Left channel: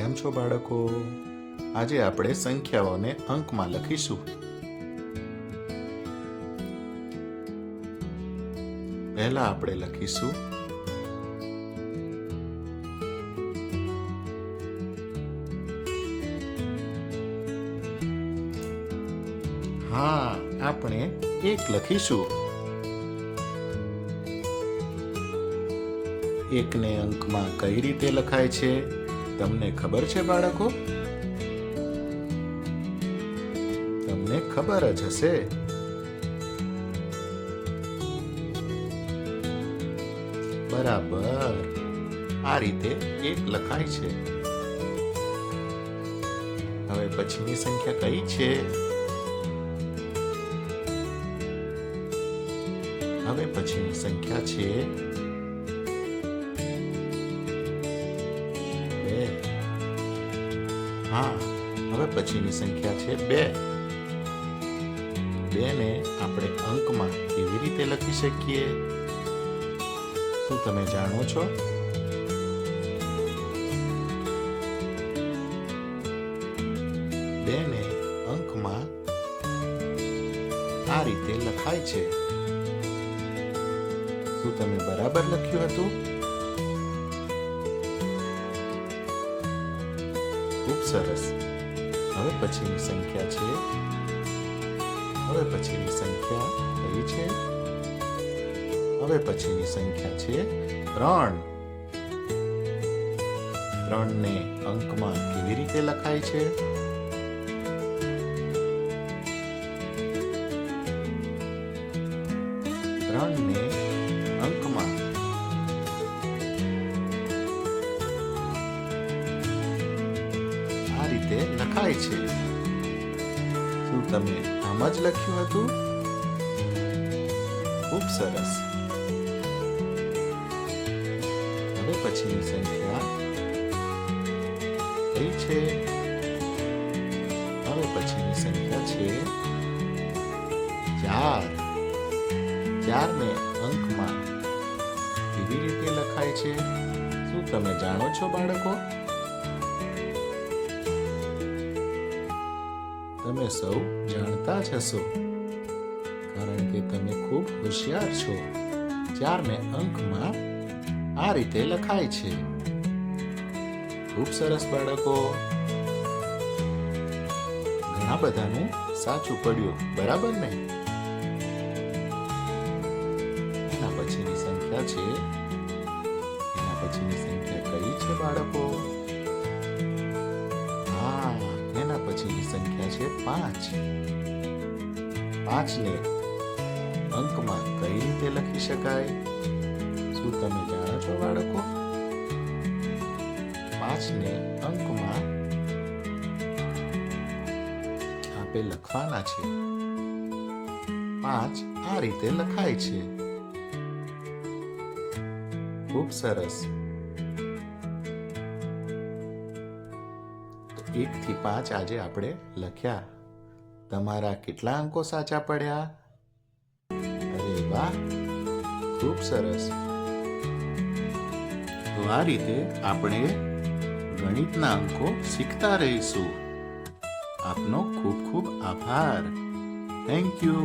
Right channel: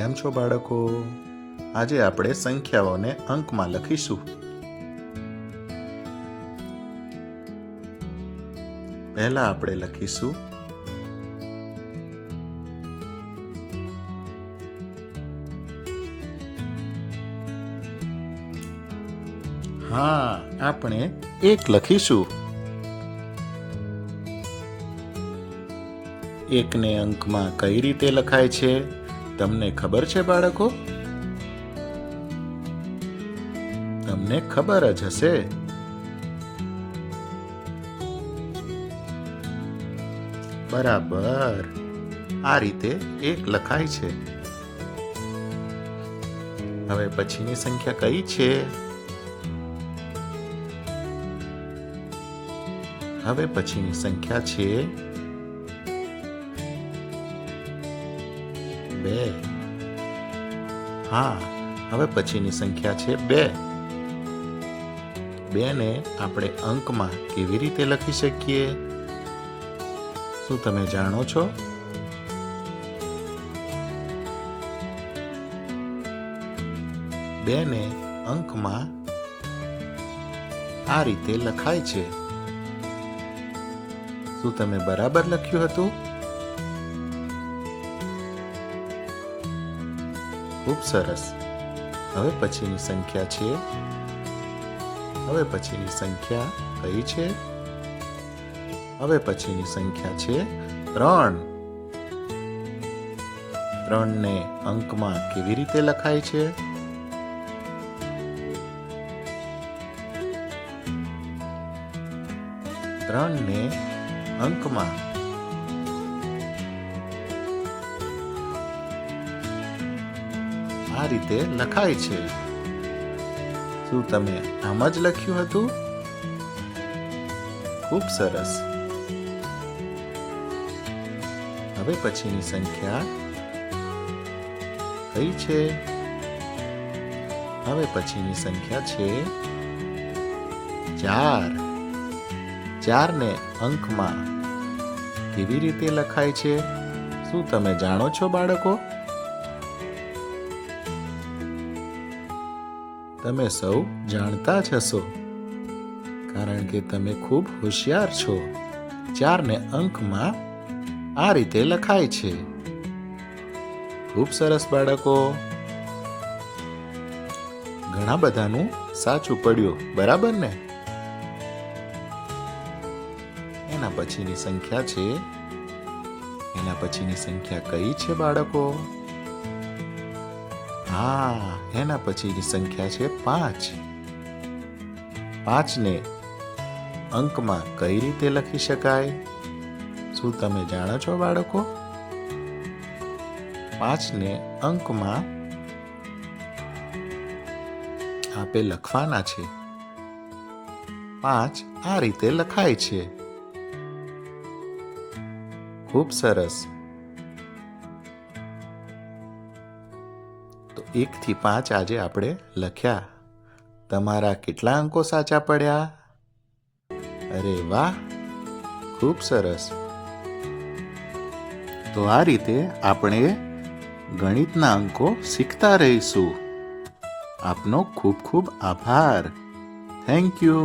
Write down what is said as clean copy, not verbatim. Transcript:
કેમ છો બાળકો? આજે આપણે સંખ્યાઓને અંકમાં લખીશું. પહેલા આપણે લખીશું આપણે 1 લખીશું. 1 ને અંકમાં કઈ રીતે લખાય છે તમને ખબર છે બાળકો? તમને ખબર જ હશે. બરાબર, આ રીતે 1 લખાય છે. હવે પછીની સંખ્યા કઈ છે? હવે પછીની સંખ્યા છે 2. હવે પછીની સંખ્યા છે 2. 2 ને આપણે અંકમાં કેવી રીતે લખી શકીએ? શું તમે જાણો છો? બે ને અંકમાં આ રીતે લખાય છે. શું તમે બરાબર લખ્યું હતું? ખૂબ સરસ. હવે પછીની સંખ્યા છે. હવે પછીની સંખ્યા કઈ છે? હવે પછીની સંખ્યા છે 3. 3 ને અંકમાં કેવી રીતે લખાય છે? ને અંકમાં આ રીતે લખાય છે. શું તમે આમ જ લખ્યું હતું? ખૂબ સરસ. હવે પછીની સંખ્યા કઈ છે? હવે પછીની સંખ્યા છે 4. 4 ને અંકમાં કેવી રીતે લખાય છે? શું તમે જાણો છો બાળકો? તમે સૌ જાણતા જ હશો, કારણ કે તમે ખૂબ હોશિયાર છો. 4 ને અંકમાં આ રીતે લખાય છે. ખૂબ સરસ બાળકો. ઘણા બધાનું સાચું પડ્યું, બરાબર ને? એના પછીની સંખ્યા છે. એના પછીની સંખ્યા કઈ છે બાળકો? એના પછીની સંખ્યા છે 5. 5 ને અંકમાં કઈ રીતે લખી શકાય? શું તમે જાણો છો બાળકો? 5 ને અંકમાં આપણે લખવાના છે. 5 આ રીતે લખાય છે. ખૂબ સરસ. તો 1 થી 5 આજે આપણે લખ્યા. તમારા કેટલા અંકો સાચા પડ્યા? અરે વાહ, ખૂબ સરસ. તો આ રીતે આપણે ગણિતના અંકો શીખતા રહીશું. આપનો ખૂબ ખૂબ આભાર. Thank you.